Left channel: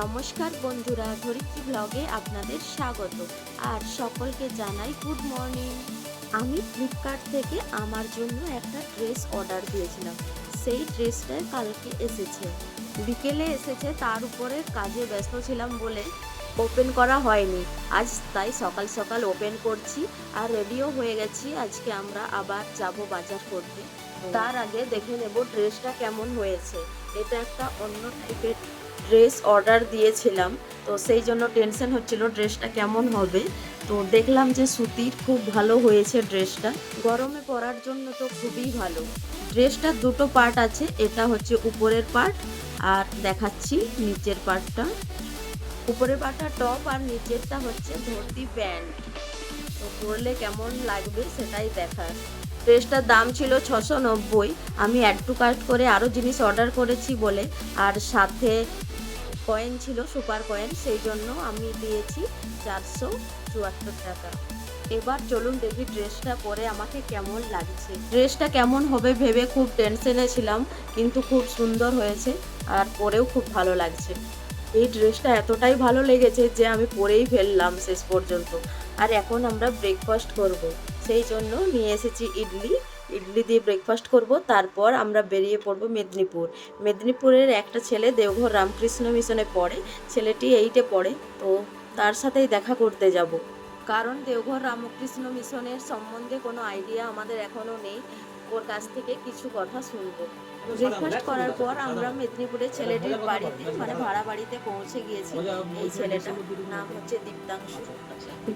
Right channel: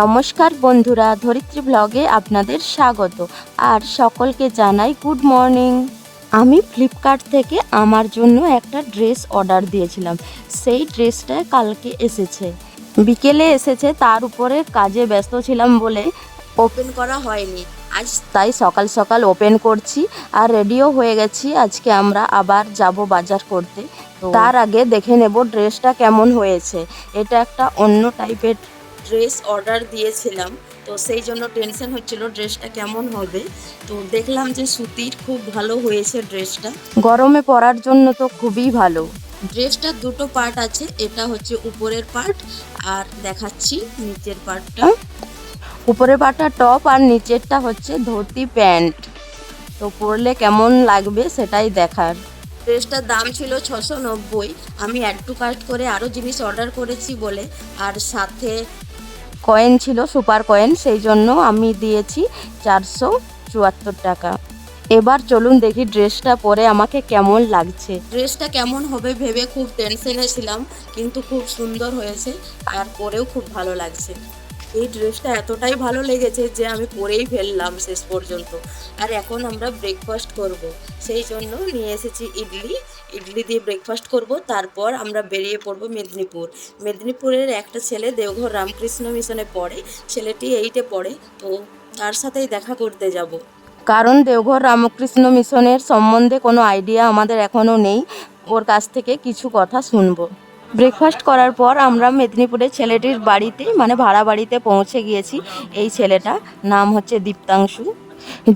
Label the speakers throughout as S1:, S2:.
S1: নমস্কার বন্ধুরা ধরিত্রী ব্লগে আপনাদের স্বাগত। আর সকলকে জানাই গুড মর্নিং। আমি ফ্লিপকার্ট থেকে আমার জন্য একটা ড্রেস অর্ডার দিয়েছিলাম। সেই ড্রেসটা কালকে এসেছে। বিকেলে এসেছে তার উপরে কাজে ব্যস্ত ছিলাম বলে ওপেন করা হয়নি। আজ তাই সকাল সকাল ওপেন করছি আর রেডিও হয়ে গেছি। আজকে আমরা আবার যাব বাজার করতে। তার আগে দেখে নেব ড্রেসটা কেমন হয়েছে। এটা একটা অন্য টাইপের ড্রেস অর্ডার দিয়েছিলাম তো সেই জন্য টেনশন হচ্ছিল ড্রেসটা কেমন হবে। তো দেখলাম যে সুতির খুব ভালো হয়েছে ড্রেসটা গরমে পরার জন্য তো খুবই ভালো। ড্রেসটার দুটো পার্ট আছে এটা হচ্ছে উপরের পার্ট আর দেখাচ্ছি নিচের পার্টটা উপরের পার্টটা টপ আর নিচেরটা হচ্ছে ধুতি প্যান্ট। তো পরলে কেমন লাগবে সেটাই দেখার। ড্রেসটার দাম ছিল ছশো নব্বই আমি অ্যাড টু কার্ট করে আরও জিনিস অর্ডার করেছি বলে আর সাথে কয়েন ছিল সুপার কয়েন সেই জন্য আমি দিয়েছি চারশো চুয়াত্তর টাকা। এবার চলুন দেখি ড্রেসটা পরে আমাকে কেমন লাগছে। ড্রেসটা কেমন হবে ভেবে খুব টেনশনে ছিলাম, কিন্তু খুব সুন্দর হয়েছে আর পরেও খুব ভালো লাগছে। এই ড্রেসটা এতটাই ভালো লেগেছে যে আমি পরেই ফেললাম শেষ পর্যন্ত। আর এখন আমরা ব্রেকফাস্ট করব, সেই জন্য নিয়ে এসেছি ইডলি ইডলি দিয়ে ব্রেকফাস্ট করব, তারপর আমরা বেরিয়ে পড়ব মেদিনীপুর। মেদিনীপুরের একটা ছেলে দেওঘর রামকৃষ্ণ মিশনে পড়ে, ছেলেটি এইটে পড়ে, তো তার সাথেই দেখা করতে যাব। কারণ দেওঘর রামকৃষ্ণ মিশনের সম্বন্ধে কোনো আইডিয়া আমাদের এখনও নেই, ওর কাছ থেকে কিছু কথা শুনব। ব্রেকফাস্ট করার পর আমরা মেদিনীপুরের ছেলেটির বাড়িতে মানে ভাড়া বাড়িতে পৌঁছে গিয়েছি, এই ছেলেটা, নাম হচ্ছে দীপ্তাংশু।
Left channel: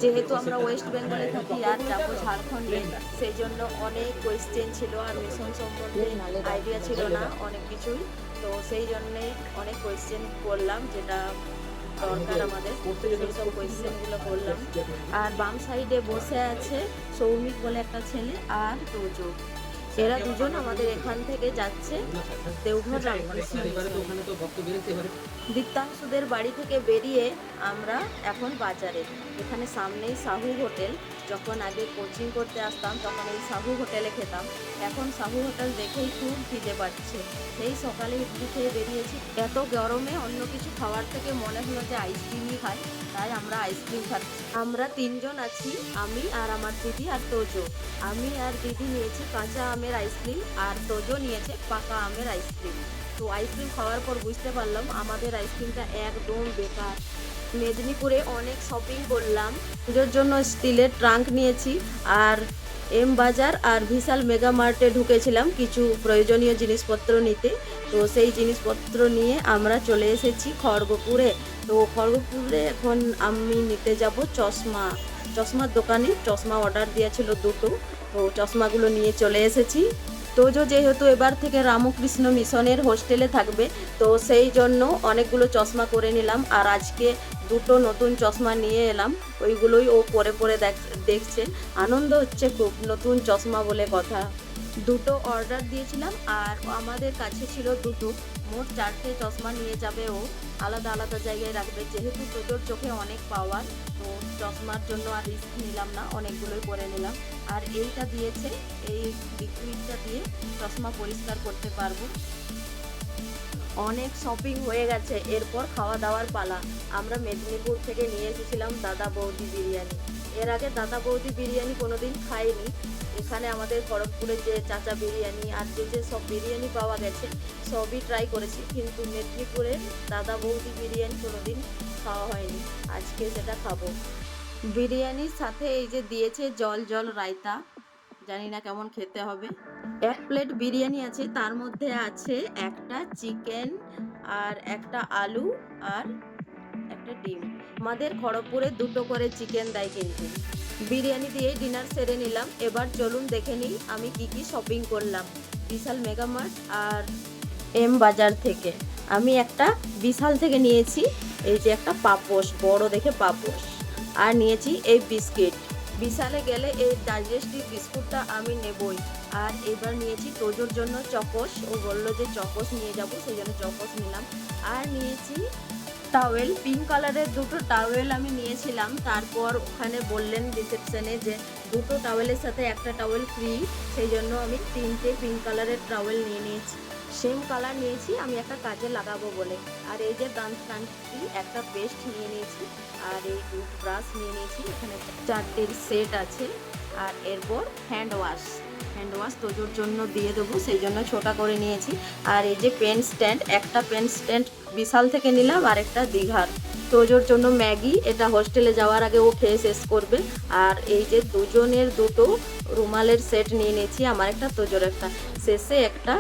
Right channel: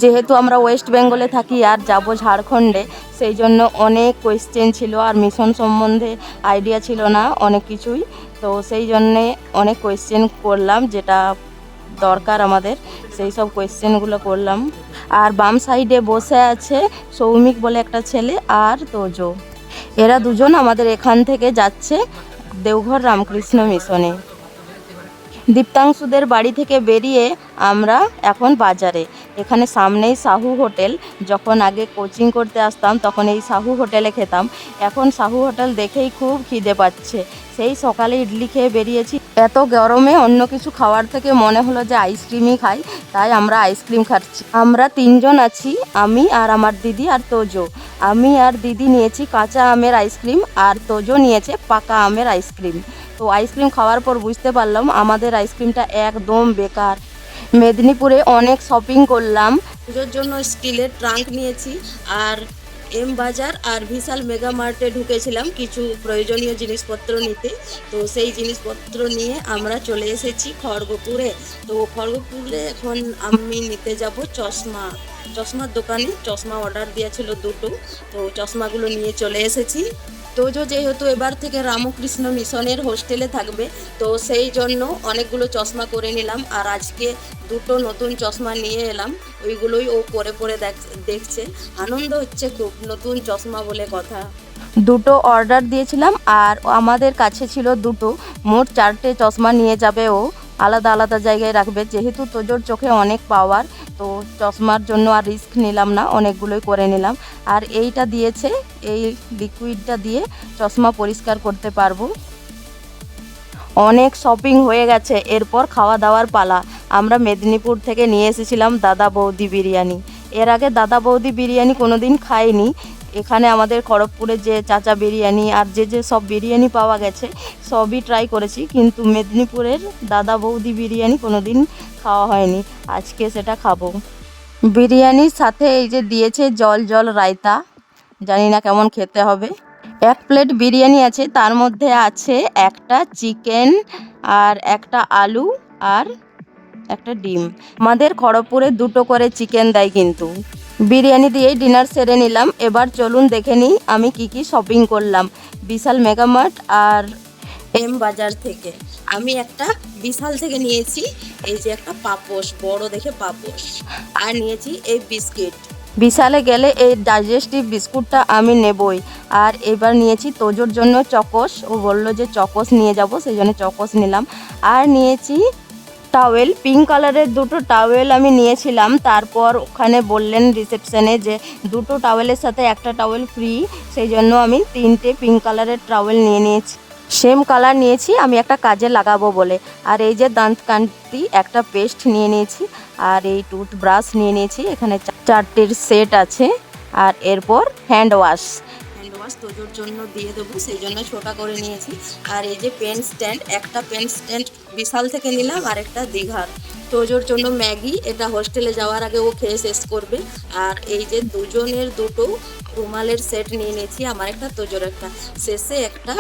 S1: যেহেতু আমরা ওয়েস্ট বেঙ্গলে থাকি আর যাব ঝাড়খণ্ডে সেই জন্য অনেক কোয়েশ্চেন ছিল আর মিশন সম্বন্ধে আইডিয়া ছিল না, অনেক কিছুই। তো সেই জন্যে অনেক কোয়েশ্চেন করলাম, যেটা দরকার আমাদের, সেই সব কোয়েশ্চেনগুলো করলাম। আর বাম সাইডে বসে আছে সৌমিক বলে একটা ছেলে আর তোজো। এরা দুজন আমাদের এখান থেকে যাচ্ছে দেওঘর রামকৃষ্ণ মিশনে দীপ্তাংশুদের বাড়ি থেকে বেরিয়ে আমরা এখন বাজারে। এখানে সামনেই সাহু হোটেল। যখন আগে কোচিং করতে আসতাম, তখন এই সাহু হোটেলে খেতাম। এখন সাহু হোটেল দেখেই খুব খিদে পাচ্ছে। সেই সকালে ইডলি খেয়ে বেরিয়েছি। এত গরমে অন্য কিছু খাওয়ার থেকে মনে হলো যে আইসক্রিমই খাই। তাই আমরা আইসক্রিম খাচ্ছি। আমরা তিনজন আছি, আমি আর আমার দিদি আর তোজো। আমি আর দিদি নিয়েছি কাঁচা আমের আইসক্রিম আর তোজো নিয়েছে পাকা আমের আইসক্রিম তো আইসক্রিম খাওয়ার পর বুঝতে পারলাম, আমাদের আইসক্রিমটা একদম বেকার। মেদিনীপুরে অনেক শপিং করলাম। পুজোর জন্য স্টিলের ট্রাঙ্ক নিয়েছি, আর এম বাজার আর বিশাল মেগা মার্টে ঢুকেছিলাম কিছু প্রয়োজনীয় জিনিসপত্র নিতে। তো সেই জিনিসপত্র নিয়ে আমরা চলে এসেছি খড়গপুরে। তো খড়গপুরে এখন আমি নিতে যাব চশমা। চশমার দোকানে চশমা অর্ডার দিয়েছিল দুটো। তো চশমাগুলো নিয়ে চলে এসেছি। তোজো যেহেতু এবার থেকে রামকৃষ্ণ মিশনের হোস্টেলে থাকবে, তো সেই জন্য অনেকগুলো চশমা করে নিলাম আর আজকে দুটো নতুন চশমা নিয়ে এলাম। ওইগুলোই ও পরে পরে দেখ- দেখছে। আনন্দ হচ্ছে খুব নতুন চশমা বলে কথা। দুটো অর্ডার দিয়েছিলাম আর আমাদের কাছে ছিল দুটো। মোট চারটে চশমা নিয়ে যাবে ও। আলাদা আলাদা জায়গায় রাখবে। যেহেতু তোজোর চোখে অনেক পাওয়ার তো চশমার জন্য আর রিস্ক নিলাম না, অনেকগুলোই করে নিলাম। আর এইটা দিয়েছে, এই লিকুইডটা দিয়ে চশমা পরিষ্কার করতে পারব। অনেক শপিং হয়ে গেছে, এরপর খাওয়া দাওয়ার পালা। আমরা মেদিনীপুর থেকে নিয়ে এসেছিলাম দাদা বৌদি বিরিয়ানি। এর আগে দাদা বৌদি বিরিয়ানি কোনোদিন খাইনি। এখানে আমাদের খড়গপুরে যে চাচা বিরিয়ানি আর যে যে সব বিরিয়ানি পাওয়া গেছে, সবই ট্রাই করেছি। কিন্তু মেদিনীপুরের দাদা বৌদি বিরিয়ানি কোনোদিন খাওয়া হয়নি, আজকে সেটা খাব। বিরিয়ানির সাথে এই যে দিয়েছে জল জল রায়তা, জানি না কেমন খেতে হবে। এক প্লেট বিরিয়ানি আছে, তার মধ্যে আছে একটা চিকেন আর একটা আলু আর একটা ডিম। আমাদের খড়গপুরে দুটো করে চিকেন দেয় কিন্তু। বিরিয়ানি দিয়েই ডিনার সেরে নিলাম। এবার চলুন দেখে নিই আমি কি কি শপিং করলাম। বিশাল মেগামার্ট আর এম বাজার থেকে। আমি একটা বিশাল থেকে নিয়েছি। এই যে একটা পাপোশ, বড় দেখে পাপোশ। আর নিয়েছি এই বিস্কিট। বিশালে গেলে এই ডাইজেস্টিভ বিস্কুটটা আমি নেবই। আর এবার নিয়েছি তোজোর জন্য চকোস। ও বলল যে চকোস নিয়ে যাব, সেই জন্য চকোস নিলাম। আর নিয়েছি টাওয়েল পিঙ্ক কালারের দুটো টাওয়েল আমি নিয়েছিলাম। তারপর ওখানে বললেন রিসেপশনে যে দুটো টাওয়েলের সাথে একটা টাওয়েল ফ্রি সেই জন্য আমি তিনটে পিঙ্ক কালারের টাওয়েল নিয়ে নিয়েছি। সেম কালার নিয়েছি, আমি একটা কাজে লাগাবো বলে। আর এই যে দাঁত কান্তি, একটা পেস্ট নিয়ে নিয়েছি, আর এই টুথব্রাশ নিয়ে নিয়েছি, এখানে চারটের সেট আছে। আর এরপর হ্যান্ড ওয়াশ। হ্যান্ড ওয়াশ তোজোর জন্য দিয়ে দেবো, সেই জন্য ছোটা করে নিয়েছি। আর এই যে পেন স্ট্যান্ড, একটা পেন স্ট্যান্ড বিশাল থেকে নিলাম, আর একটা দীঘার। তোজোর জন্য ম্যাগি, এটা হোস্টেলে যাওয়ার আগে ও খেয়ে শেষ করবে। আর এই যে দুজনের দুটো রুমালের সেট নিয়ে নিয়েছি, আমার একটা, তোজোর একটা। শেষে একটা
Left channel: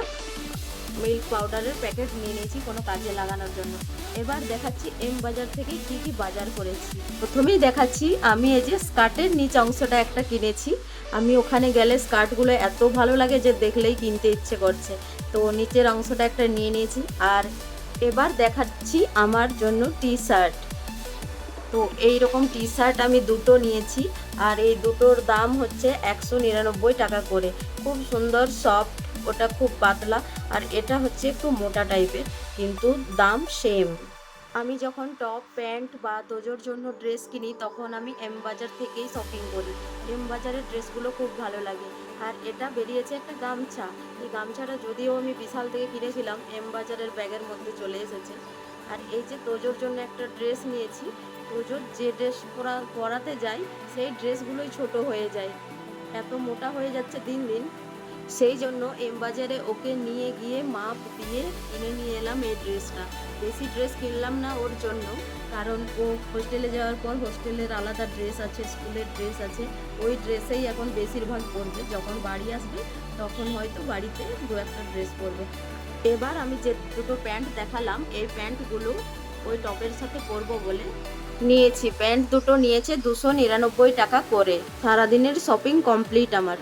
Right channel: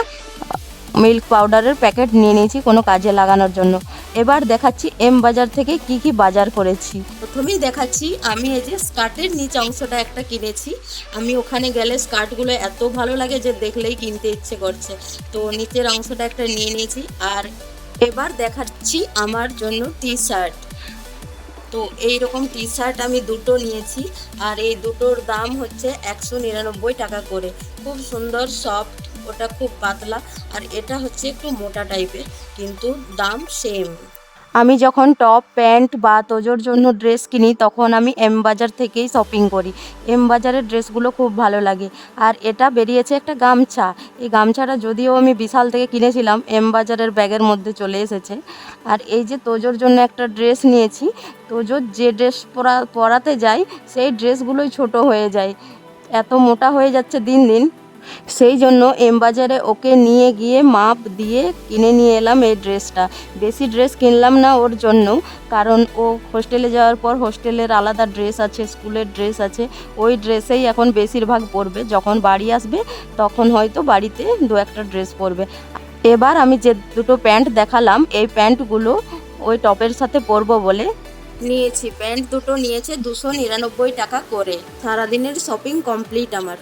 S1: মিল্ক পাউডারের প্যাকেট নিয়ে নিয়েছি কোনো কাজে লাগানোর জন্য। এবার দেখাচ্ছি এম বাজার থেকে কি কি বাজার করেছি। প্রথমেই দেখাচ্ছি, আমি এই যে স্কার্টের নিচ অংশটা একটা কিনেছি। আমি ওখানে গেলে স্কার্টগুলো এত ভালো লাগে যে দেখলেই কিনতে ইচ্ছে করছে। তো নিচের অংশটা একটা নিয়ে নিয়েছি। আর এবার দেখাচ্ছি আমার জন্য টি শার্ট তো এই রকম টি শার্ট আমি দুটো নিয়েছি। আর এই দুটোর দাম হচ্ছে একশো নিরানব্বই টাকা করে। খুব সুন্দর সফট ওটা খুব পাতলা আর এটা হচ্ছে একটু মোটা টাইপের, কিন্তু দাম সেম আমি যখন টপ প্যান্ট বা তোজোর জন্য ড্রেস কিনি, তখন আমি এম বাজার থেকেই শপিং করি। এম বাজারের ড্রেসগুলো খুব ভালো লাগে। আর এটা বেরিয়েছে একটা গামছা। এই গামছাটা যদিও আমি বিশাল থেকে কিনেছিলাম এম বাজারের ব্যাগের মধ্যে চলে এসেছে। আর এই যে তোজোর জন্য একটা ড্রেস নিয়েছি, তোজোর যে ড্রেস পরা, পরাতে যাই, সেই ড্রেসগুলোই ছোট হয়ে যায়। এত মোটা হয়ে যাচ্ছে দিন দিন। সেই জন্য এম বাজারে ওকে নিয়ে গিয়ে মাপ দিয়ে কিনে নিয়ে এলাম এই ড্রেসটা। বেশি ড্রেস কিনলাম না ওর জন্য কারণ ও হোস্টেলে যাওয়ার পর হোস্টেলের আলাদা ড্রেস আছে, স্কুলের ড্রেস আছে, ওই ড্রেসেই এখন বেশিরভাগ পরবে। যখন বাড়ি আসবে, তখন হয়তো বাড়িতে দু একটা ড্রেস পরবে। এবার আমি যে দুটো প্যান্ট দেখালাম, এই প্যান্টগুলো ওই টপের সাথে পরবো বলে নিয়েছি। প্যান্ট দুটো নিয়েছে দুশো নিরানব্বই টাকা করে। সারাদিনের শপিং কমপ্লিট আমার।